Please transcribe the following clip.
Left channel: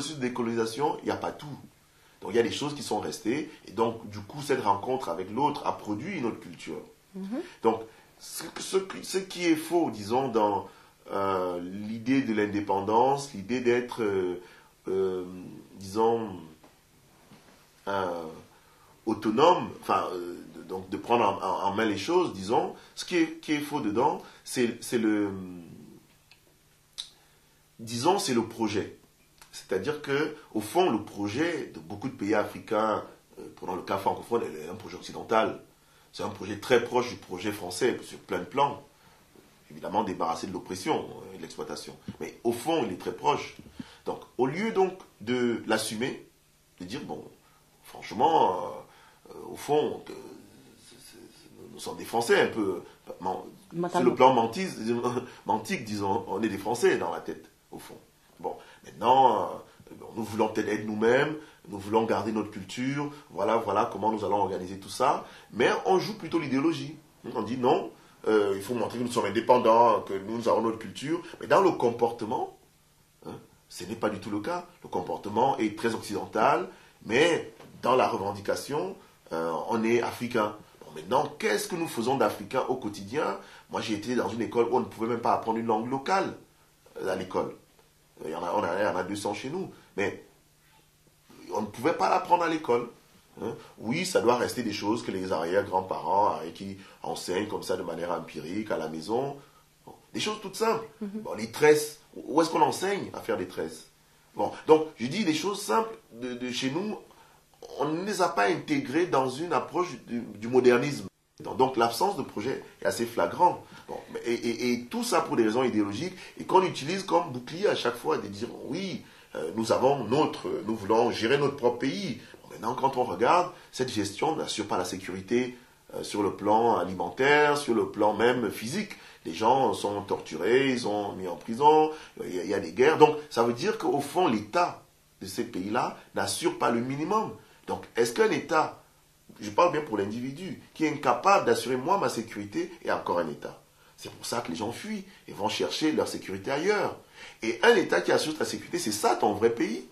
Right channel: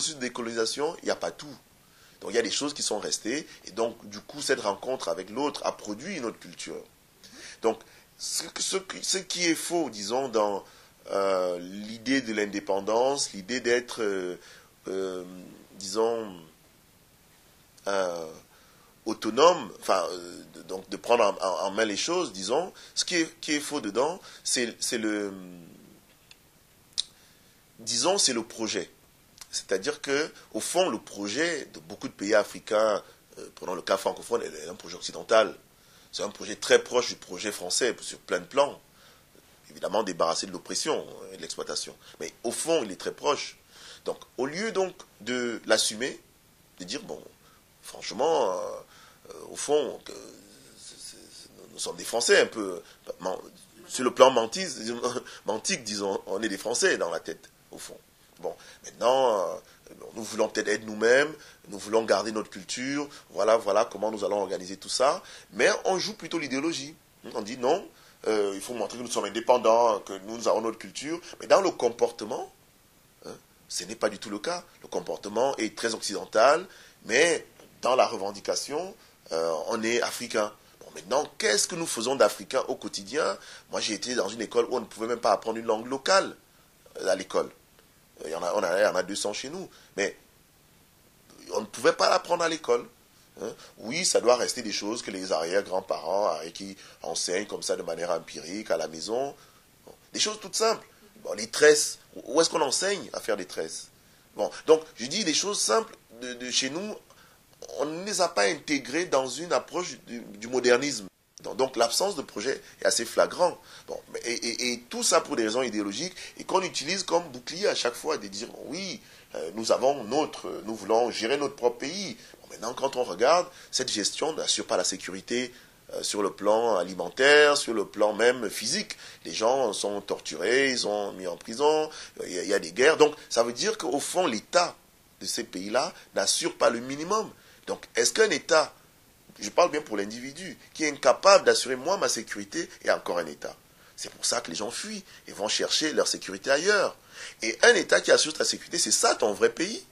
processus de décolonisation, il n'y a pas tout. Donc il y a des choses qui sont restées, et donc du coup cette rencontre avec l'autre a produit une autre culture. Donc ce qui est faux, disons, dans l'idée de l'indépendance, l'idée d'être, disons, autonome, enfin, donc de prendre en main les choses, disons, ce qui est faux dedans, c'est le, disons, c'est le projet. C'est-à-dire que, au fond, le projet de beaucoup de pays africains, prenons le cas francophone, est un projet occidental. C'est un projet très proche du projet français sur plein de plans. Évidemment, débarrassé de l'oppression et de l'exploitation. Mais au fond, il est très proche. Donc, au lieu donc de l'assumer, de dire, bon, franchement, au fond, nous sommes des Français un peu. Sur le plan mantique, disons, on est des Français dans la tête, au fond. Bon, maintenant, nous voulons peut-être être nous-mêmes, nous voulons garder notre culture, voilà comment nous allons organiser tout ça, mais on joue plutôt l'idéologie. On dit non, il faut montrer que nous sommes indépendants, que nous avons notre culture, mais dans le comportement, ce n'est pas du tout le cas. Le comportement est très occidental, mais dans la revendication, on est africain. Bon, maintenant, qu'est-ce que nous faisons d'africain au quotidien? Moi, j'ai été dans une école où on ne pouvait même pas apprendre une langue locale à l'école. Il y en a 200 chez nous, mais on ne pouvait pas l'apprendre à l'école. Oui, ça doit rester des choses que les arrière-grands-parents qui enseignent comme ça de manière empirique à la maison. Bon, des choses toutes simples. Bon, les tresses, où est-ce qu'on enseigne à faire des tresses? Bon, donc, je dis les choses simples de chez nous, on ne les a pas intégrées dans une approche du modernisme. Donc l'absence de projet est assez flagrant. Bon, et tout ça pour des raisons idéologiques et qu'on utilise comme bouclier à chaque fois de dire oui, nous voulons gérer notre propre pays. Bon, maintenant, quand on regarde, cette gestion n'assure pas la sécurité sur le plan alimentaire, sur le plan même physique. Les gens sont torturés, ils sont mis en prison, il y a des guerres. Donc ça veut dire qu'au fond, l'État de ces pays-là n'assure pas le minimum. Donc est-ce qu'un État, je parle bien pour l'individu, qui est incapable d'assurer moi ma sécurité, est encore un État? C'est pour ça que les gens fuient et vont chercher leur sécurité ailleurs. Et un État qui assure ta sécurité, c'est ça ton vrai pays.